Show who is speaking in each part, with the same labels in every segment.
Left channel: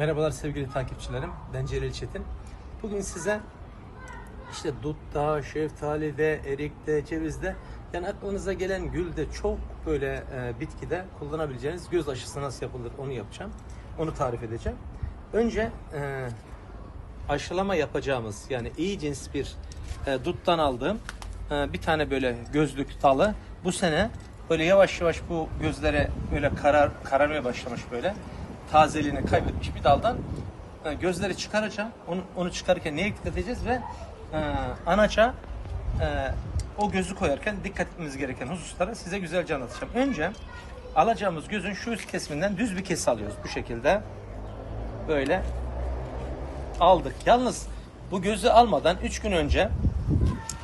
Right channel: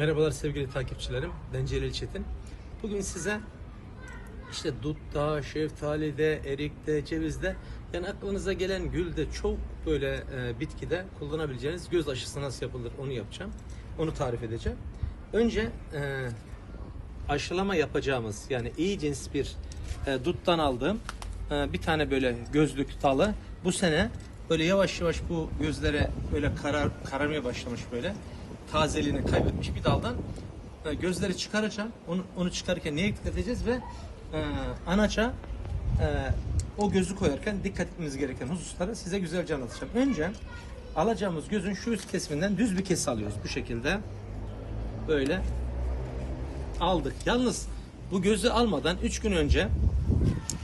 Speaker 1: Merhabalar sevgili takipçilerim. Ben Celil Çetin. Bugün size işte dutta, şeftalide, erikte, cevizde yani aklınıza gelen gülde çok böyle e, bitkide kullanabileceğiniz göz aşısı nasıl yapılır onu yapacağım. Onu tarif edeceğim. Önce e, aşılama yapacağımız yani iyi cins bir e, duttan aldığım e, bir tane böyle gözlük dalı bu sene böyle yavaş yavaş bu gözlere böyle karar kararmaya başlamış böyle tazeliğini kaybetmiş bir daldan e, gözleri çıkaracağım. Onu, onu çıkarırken neye dikkat edeceğiz ve e, anaça e, o gözü koyarken dikkat etmemiz gereken hususlara size güzelce anlatacağım. Önce alacağımız gözün şu üst kesiminden düz bir kes alıyoruz bu şekilde. Böyle aldık. Yalnız bu gözü almadan 3 gün önce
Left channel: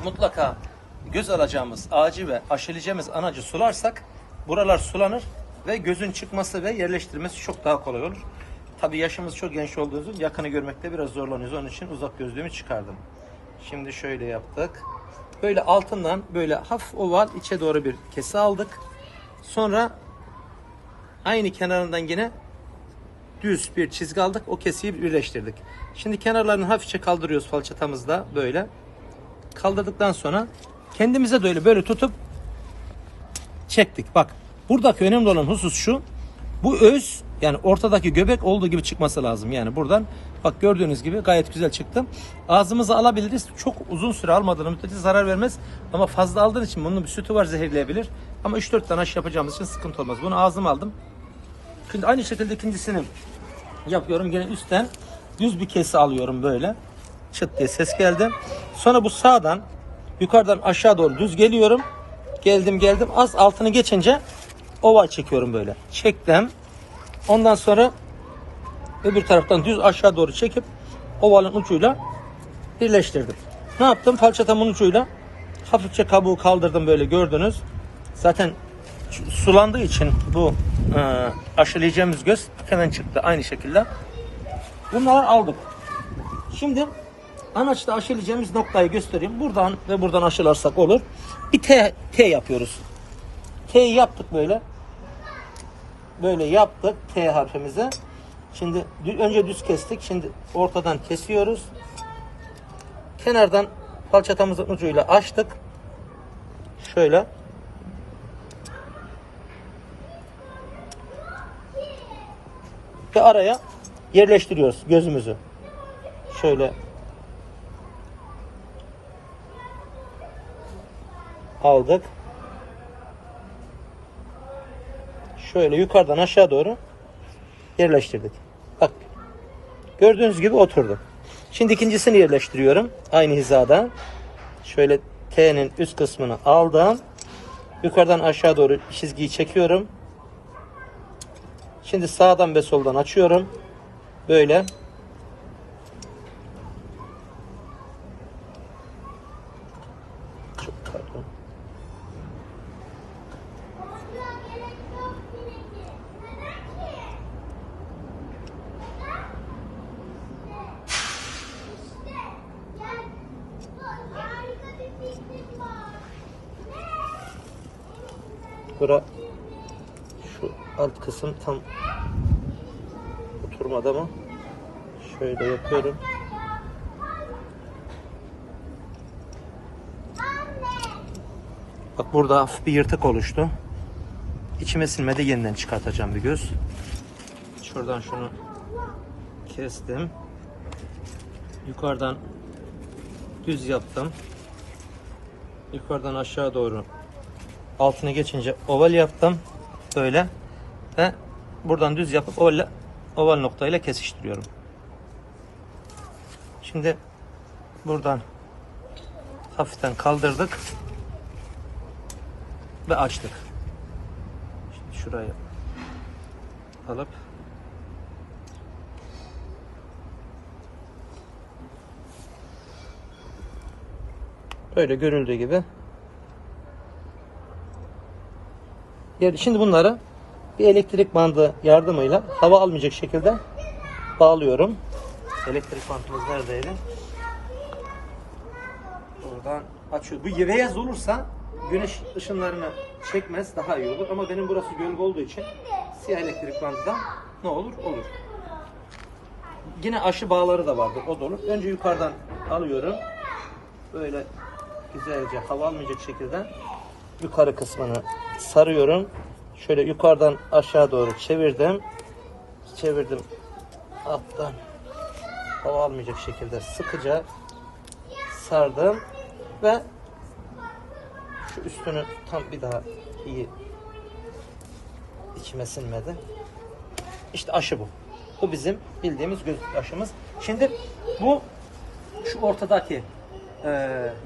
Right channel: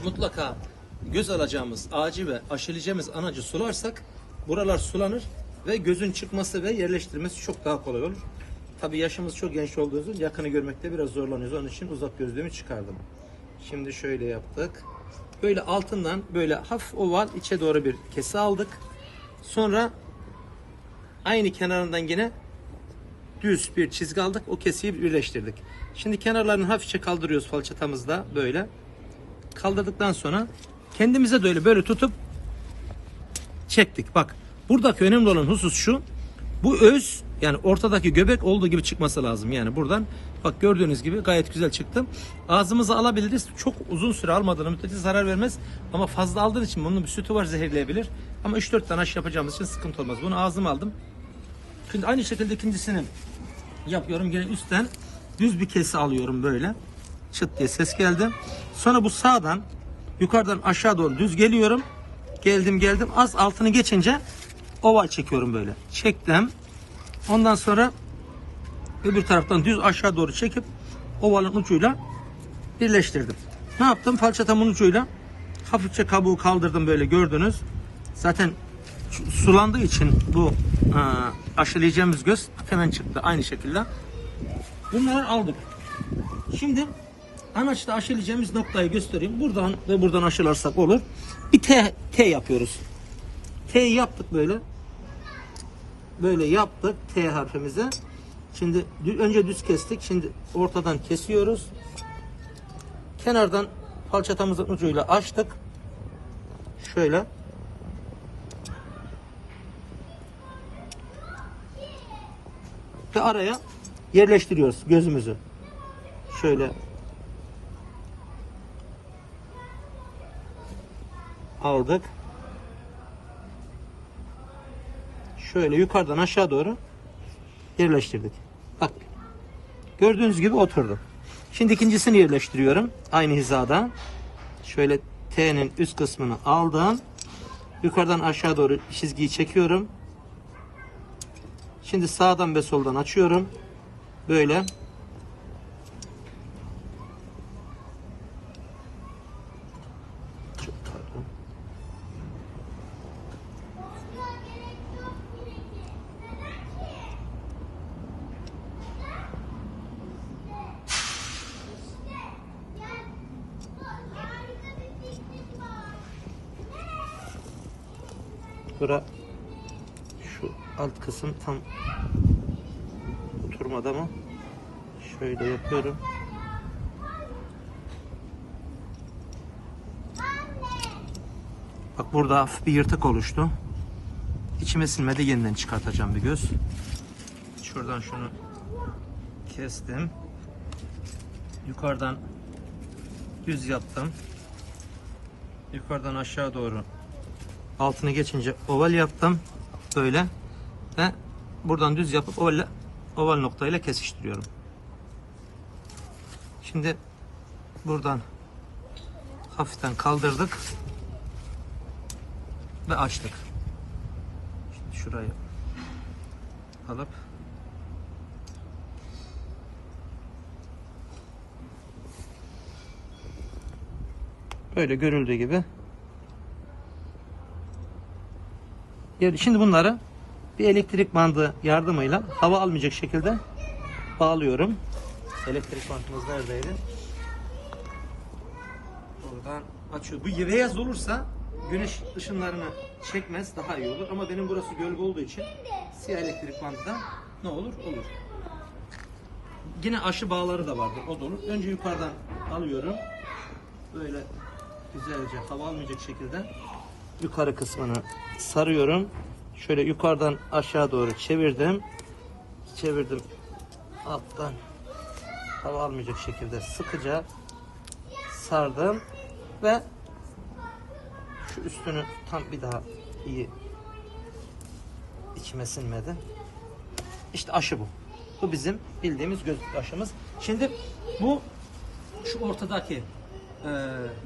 Speaker 1: mutlaka göz alacağımız ağacı ve aşılayacağımız anacı sularsak buralar sulanır ve gözün çıkması ve yerleştirmesi çok daha kolay olur. Tabi yaşımız çok genç olduğu için yakını görmekte biraz zorlanıyoruz. Onun için uzak gözlüğümü çıkardım. Şimdi şöyle yaptık. Böyle altından böyle hafif oval içe doğru bir kese aldık. Sonra aynı kenarından yine düz bir çizgi aldık. O kesiyi birleştirdik. Şimdi kenarlarını hafifçe kaldırıyoruz falçatamızda böyle. Kaldırdıktan sonra kendimize de öyle böyle tutup çektik. Bak buradaki önemli olan husus şu. Bu öz yani ortadaki göbek olduğu gibi çıkması lazım. Yani buradan bak gördüğünüz gibi gayet güzel çıktı. Ağzımıza alabiliriz. Çok uzun süre almadığını müddetçe zarar vermez. Ama fazla aldığın için bunun bir sütü var zehirleyebilir. Ama 3-4 tane aşı yapacağımız için sıkıntı olmaz. Bunu ağzıma aldım. Şimdi aynı şekilde ikincisini yapıyorum. Yine üstten düz bir kese alıyorum böyle. Çıt diye ses geldi. Sonra bu sağdan yukarıdan aşağı doğru düz geliyorum. Geldim geldim. Az altını geçince oval çekiyorum böyle. Çektim. Ondan sonra öbür taraftan düz aşağı doğru çekip ovalın ucuyla birleştirdim. Ne yaptım? Falçatamın ucuyla hafifçe kabuğu kaldırdım böyle gördünüz. Zaten sulandığı için bu e, aşılayacağımız göz hemen çıktı aynı şekilde. Bunları aldık. Şimdi anaçta aşılayacağımız noktayı göstereyim. Buradan ve buradan aşılarsak olur. Bir T, T yapıyoruz. T'yi yaptık böyle. Böyle yaptık T harfimize. Şimdi önce düz kestik. Şimdi ortadan kesiyoruz. Kenardan falçatamızın ucuyla açtık. Şöyle. Ve araya yerleştiriyoruz gözümüzü. Şöyle aldık. Şöyle yukarıdan aşağı doğru yerleştirdik. Bak. Gördüğünüz gibi oturdu. Şimdi ikincisini yerleştiriyorum. Aynı hizada. Şöyle T'nin üst kısmını aldım. Yukarıdan aşağı doğru çizgiyi çekiyorum. Şimdi sağdan ve soldan açıyorum. Böyle. Çok pardon. Bura şu alt kısım tam oturmadı ama şöyle yapıyorum. Bak burada hafif bir yırtık oluştu. İçime sinmedi yeniden çıkartacağım bir göz. Şuradan şunu kestim. Yukarıdan düz yaptım. Yukarıdan aşağı doğru altını geçince oval yaptım. Böyle. Ve buradan düz yapıp oval, oval noktayla kesiştiriyorum. Şimdi buradan hafiften kaldırdık ve açtık. Şimdi şurayı alıp böyle görüldüğü gibi Yani şimdi bunları bir elektrik bandı yardımıyla hava almayacak şekilde bağlıyorum. Elektrik bandımız neredeydi? Buradan açıyor. Bu beyaz olursa güneş ışınlarını çekmez daha iyi olur. Ama benim burası gölge olduğu için siyah elektrik bandı da ne olur? Olur. yine aşı bağları da vardır. O da olur. Önce yukarıdan alıyorum. Böyle güzelce hava almayacak şekilde yukarı kısmını sarıyorum. Şöyle yukarıdan aşağı doğru çevirdim. Çevirdim. Alttan hava almayacak şekilde sıkıca sardım ve şu üstünü tam bir daha iyi içime sinmedi. İşte aşı bu. Bu bizim bildiğimiz göz aşımız. Şimdi bu şu ortadaki e,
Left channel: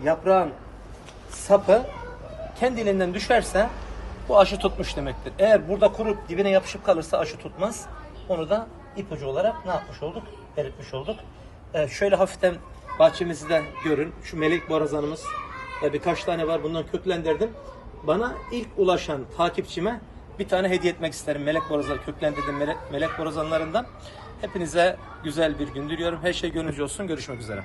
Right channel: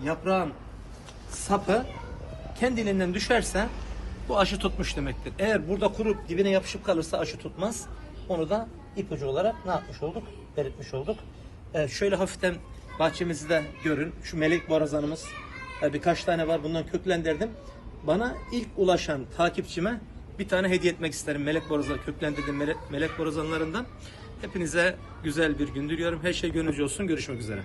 Speaker 1: yaprağın sapı kendiliğinden düşerse bu aşı tutmuş demektir. Eğer burada kurup dibine yapışıp kalırsa aşı tutmaz. Onu da ipucu olarak ne yapmış olduk? Belirtmiş olduk. E, şöyle hafiften bahçemizi de görün. Şu melek borazanımız e, birkaç tane var. Bundan köklendirdim. Bana ilk ulaşan takipçime bir tane hediye etmek isterim. Melek borazanı köklendirdim. Melek, melek borazanlarından. Hepinize güzel bir gün diliyorum. Her şey gönlünüzce olsun. Görüşmek üzere.